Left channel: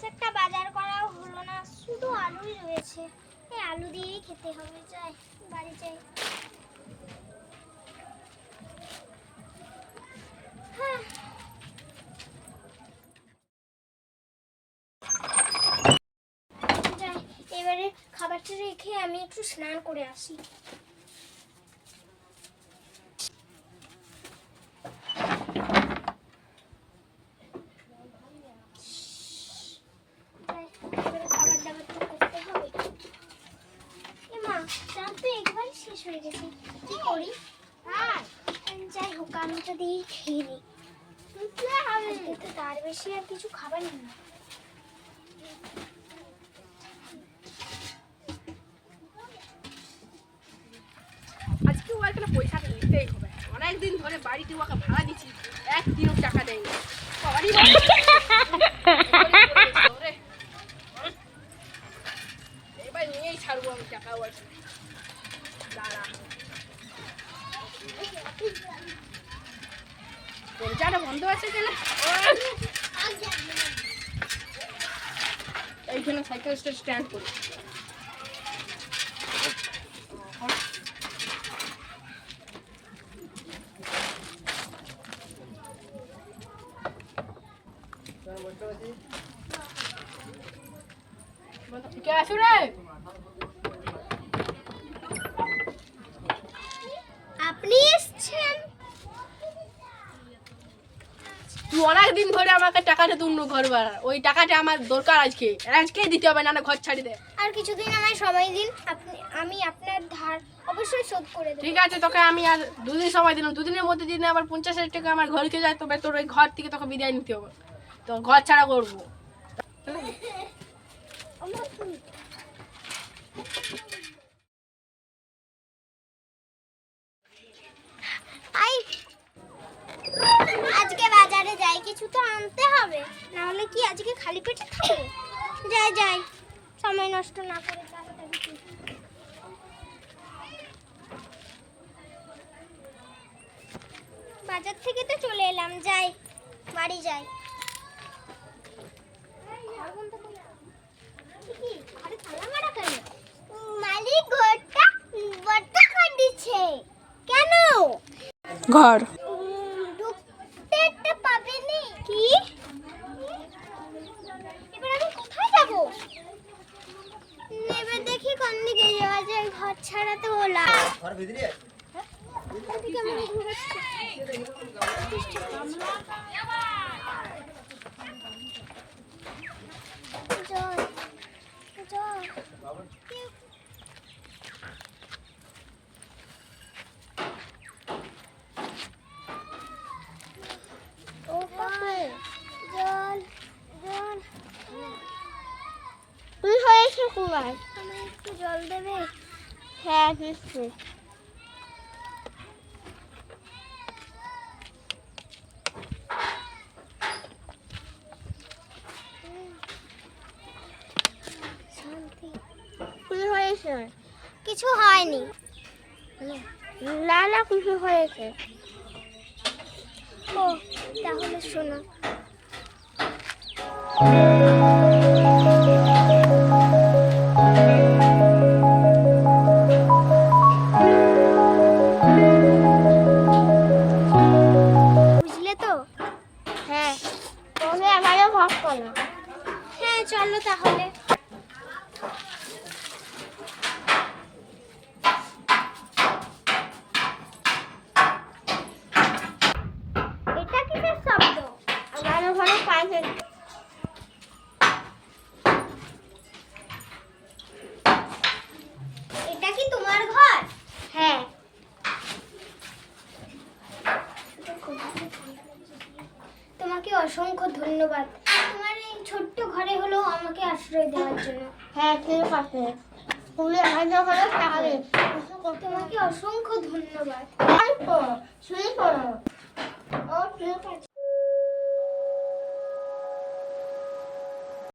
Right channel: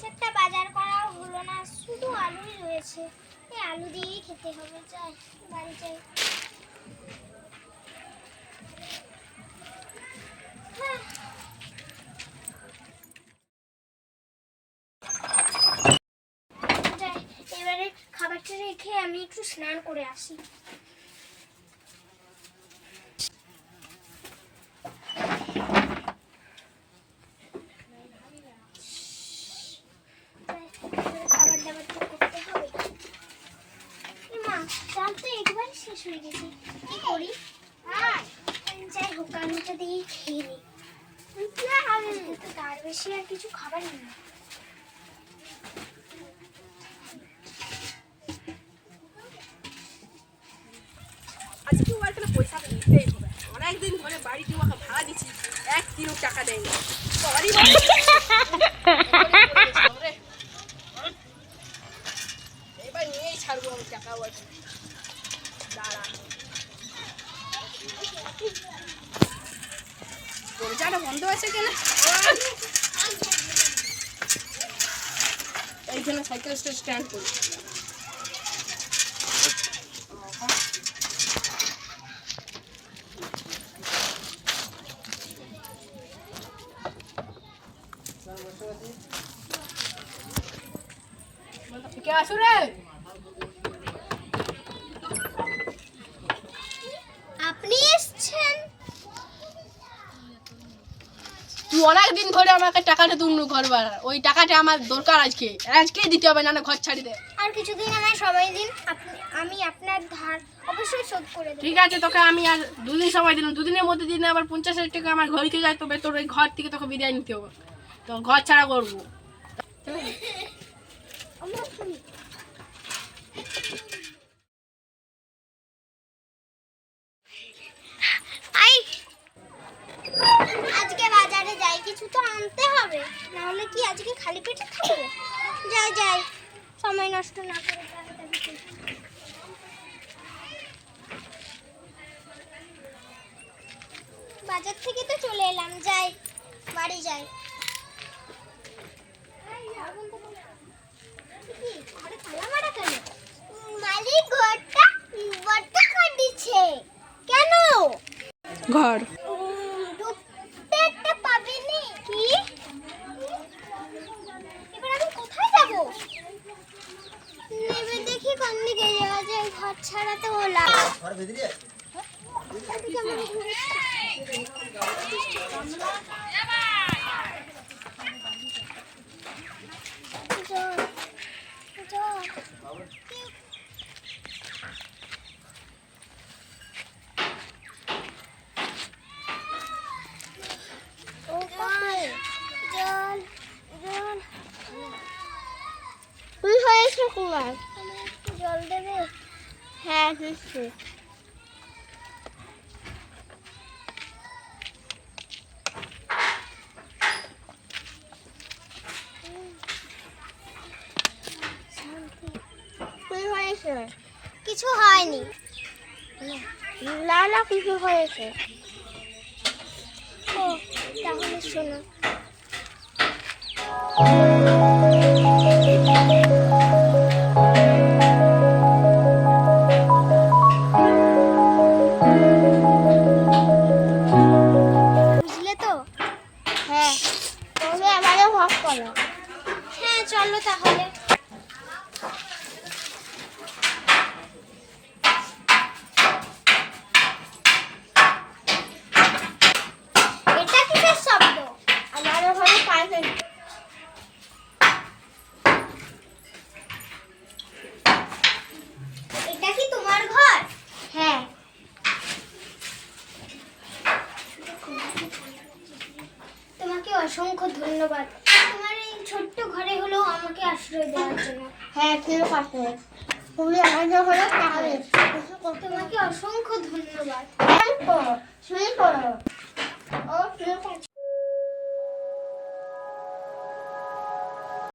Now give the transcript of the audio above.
বেশ একটা বাজার করাও হলো না শুধু আলুই রয়েছে এই আলু দিয়েই খেতে হবে যাই বাড়ি যাই হ্যাঁ। এবারে খাবারটা রেখে আমি একটু স্নান করে আসি যাই হোক আমি তো দিয়ে খেয়ে নিই তো তার বেশি আর কিছু ও পয়সা নিতেই হবে অনেকদিন ধরে বাড়িটি ওকে ভাড়া দিচ্ছি একদিনও টাকা দেয়নি ঢাকাটা বন্ধ আছে কিনা এইখানে সাইকেলটা স্ট্যান্ড করি ঠিক আছে তুই অনেক দিন ধরে আমাকে টাকাটা তুললো ঘর ভাড়া ওই টাকাটা আমার দরকার আজকে আজকে দিতে হবে না ঘর ছাড়ি দে আর কিছুদিন আমার সময় দিন আমি আপনার ধার অবশ্যই শোধ করে দেব ঠিক আছে তোকে আমি আর দুদিন সময় দিলাম দুদিনের মধ্যে দিন আবার পঞ্চাশ হাজার টাকা আমার ঘরকে যায় তবে তোর ওই ঘর থেকে তোকে বিদায় নিতে হবে তো ঘর ছাড়া করবো কিছু তো আনতে হবে না হলে কি আজকে খালি পেটে থাকবে যাই যাই সময় নষ্ট না করে বাজার থেকে তো চলে এলাম যাই বাড়ি যাই মালিক ঘরটা দিচ্ছে কেন ঘর ছাড়া তো লাভ হয়েছে কুমার আমার একটু জল দেবে হ্যাঁ নিশ্চয়ই কিছু হয়নি লালা কিছু হয়েছে ও তাহলে শোনো চলো তাহলে এটা শব্দ ঘরে এটা কি তোমার ঘর হ্যাঁ তোমাকে অসংখ্য ধন্যবাদ ছোট্ট ঘরে হলেও আমাকে আশ্রয় দেওয়ার জন্য হ্যাঁ ঠিক আছে তুমি আমাদের হলো তাহলে তোমাকে অসংখ্য ধন্যবাদ শুনে পড়ো ও ঠিক আছে